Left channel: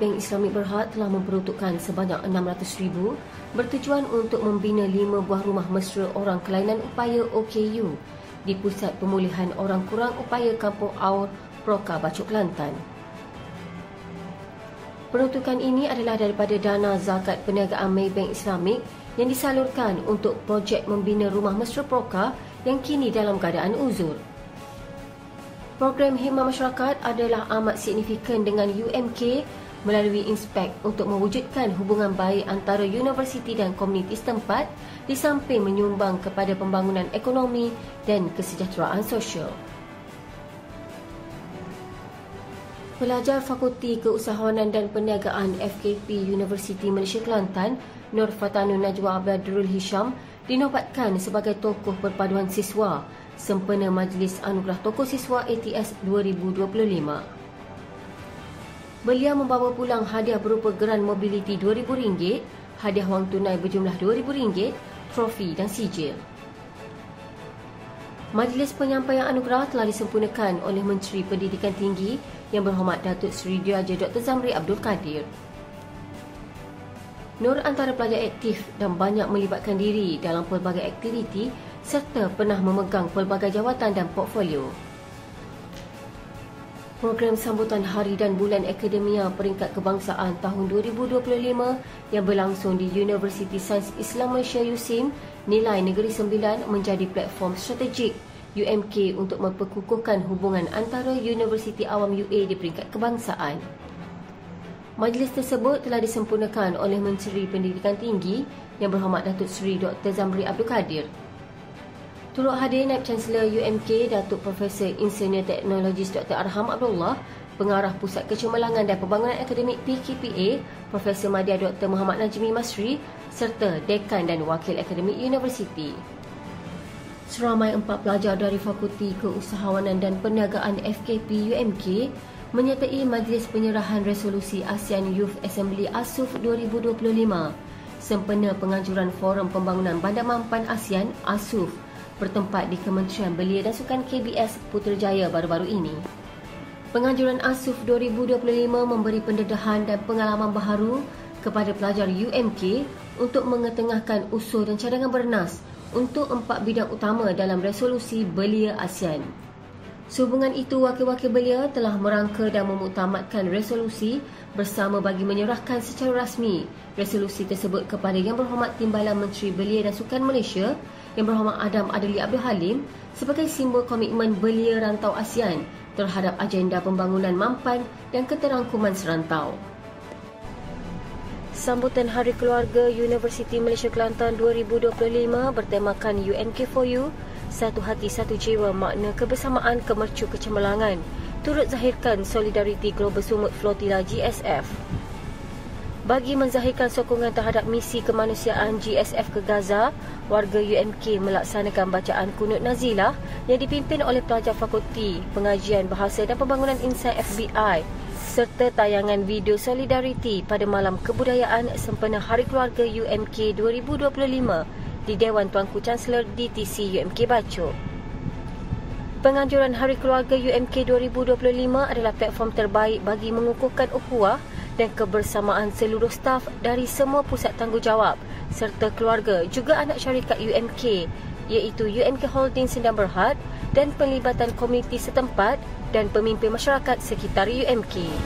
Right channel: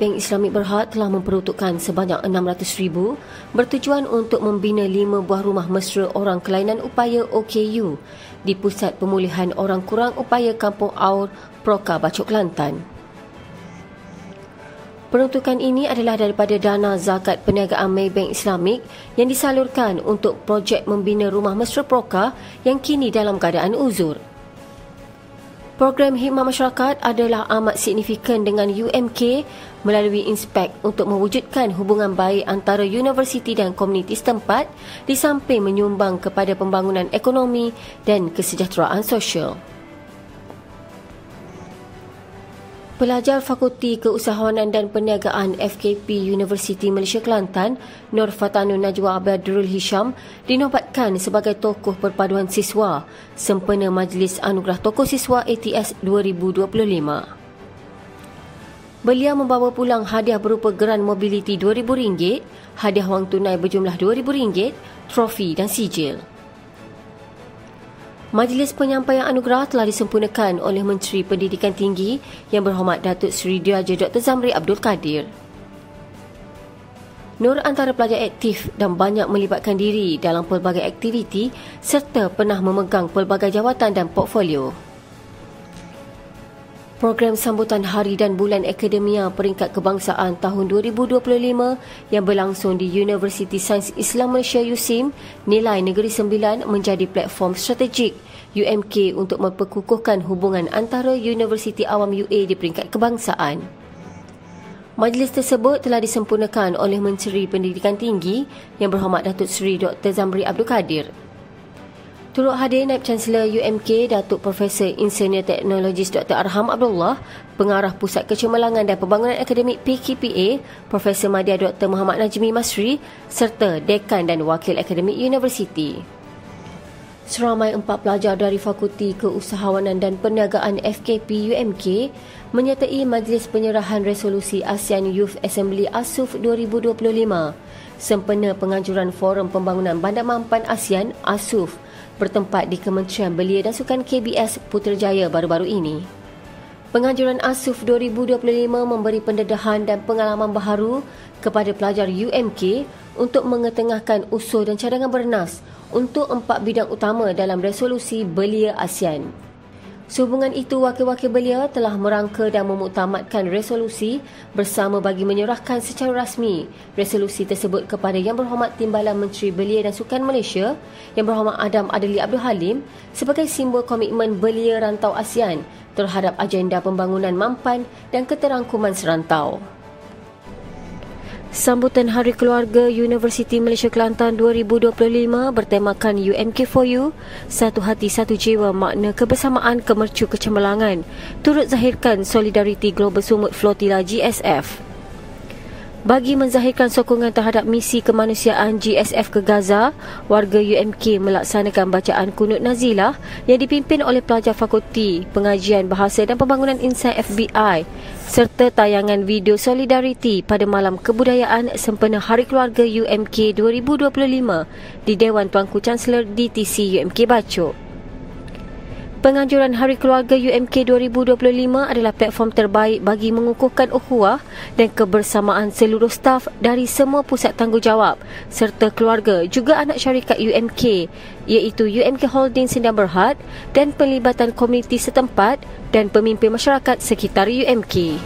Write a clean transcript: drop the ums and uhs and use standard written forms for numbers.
Maybank Islamic Berhad telah memperuntukkan sebanyak 600,000 bertujuan untuk membina 5 buah rumah mesra orang kelainan upaya OKU di Pusat Pemulihan Orang Kurang Upaya Kampung Aur, Proka, Bachok, Kelantan. Peruntukan ini adalah daripada dana zakat perniagaan Maybank Islamic yang disalurkan untuk projek membina rumah mesra Proka yang kini dalam keadaan uzur. Program khidmat masyarakat adalah amat signifikan dengan UMK melalui Inspek untuk mewujudkan hubungan baik antara universiti dan komuniti setempat di samping menyumbang kepada pembangunan ekonomi dan kesejahteraan sosial. Pelajar Fakulti Keusahawanan dan Perniagaan FKP Universiti Malaysia Kelantan, Nur Fatanun Najwa Badrul Hisham, dinobatkan sebagai tokoh perpaduan siswa sempena Majlis Anugerah Tokoh Siswa ATS 2025. Beliau membawa pulang hadiah berupa geran mobiliti RM2,000, hadiah wang tunai berjumlah RM2,000, trofi dan sijil. Majlis penyampaian anugerah telah disempurnakan oleh Menteri Pendidikan Tinggi Yang Berhormat Datuk Seri Diraja Dr. Zamri Abdul Kadir. Nur antara pelajar aktif dan banyak melibatkan diri dalam pelbagai aktiviti serta pernah memegang pelbagai jawatan dan portfolio. Program sambutan Hari dan Bulan Akademia Peringkat Kebangsaan tahun 2025 yang berlangsung di Universiti Sains Islam Malaysia USIM Nilai Negeri Sembilan menjadi platform strategik UMK untuk memperkukuhkan hubungan antara Universiti Awam UA di peringkat kebangsaan. Majlis tersebut telah disempurnakan oleh Menteri Pendidikan Tinggi Yang Berhormat Datuk Seri Dr. Zamri Abdul Kadir. Turut hadir Naib Chancellor UMK Datuk Profesor Insinyur Teknologis Dr. Arham Abdullah, Pengarah Pusat Kecemerlangan dan Pembangunan Akademik PKPA Profesor Madya Dr. Muhammad Najmi Masri serta Dekan dan Wakil Akademik Universiti. Seramai 4 pelajar dari Fakulti Keusahawanan dan Perniagaan FKP UMK menyertai Majlis Penyerahan Resolusi ASEAN Youth Assembly ASUF 2025 sempena penganjuran Forum Pembangunan Bandar Mampan ASEAN ASUF bertempat di Kementerian Belia dan Sukan KBS Putrajaya baru-baru ini. Penganjuran ASUF 2025 memberi pendedahan dan pengalaman baharu kepada pelajar UMK untuk mengetengahkan usul dan cadangan bernas untuk 4 bidang utama dalam resolusi Belia ASEAN. Sehubungan itu, wakil-wakil belia telah merangka dan memuktamadkan resolusi bersama bagi menyerahkan secara rasmi resolusi tersebut kepada Yang Berhormat Timbalan Menteri Belia dan Sukan Malaysia, Yang Berhormat Adam Adli Abdul Halim sebagai simbol komitmen belia rantau ASEAN terhadap agenda pembangunan mampan dan keterangkuman serantau. Sambutan Hari Keluarga Universiti Malaysia Kelantan 2025 bertemakan UMK4U, Satu Hati Satu Jiwa Makna Kebersamaan Kemercu Kecemerlangan, turut zahirkan solidariti Global Sumut Flotilla GSF. Bagi menzahirkan sokongan terhadap misi kemanusiaan GSF ke Gaza, warga UMK melaksanakan bacaan kunut nazilah yang dipimpin oleh pelajar Fakulti Pengajian Bahasa dan Pembangunan Insan FBI serta tayangan video solidariti pada Malam Kebudayaan sempena Hari Keluarga UMK 2025 di Dewan Tuanku Chancellor DTC UMK Bachok. Penganjuran Hari Keluarga UMK 2025 adalah platform terbaik bagi mengukuhkan ukhuwah dan kebersamaan seluruh staf dari semua pusat tanggungjawab serta keluarga juga anak syarikat UMK iaitu UMK Holding Sdn Bhd dan pelibatan komuniti setempat dan pemimpin masyarakat sekitar UMK.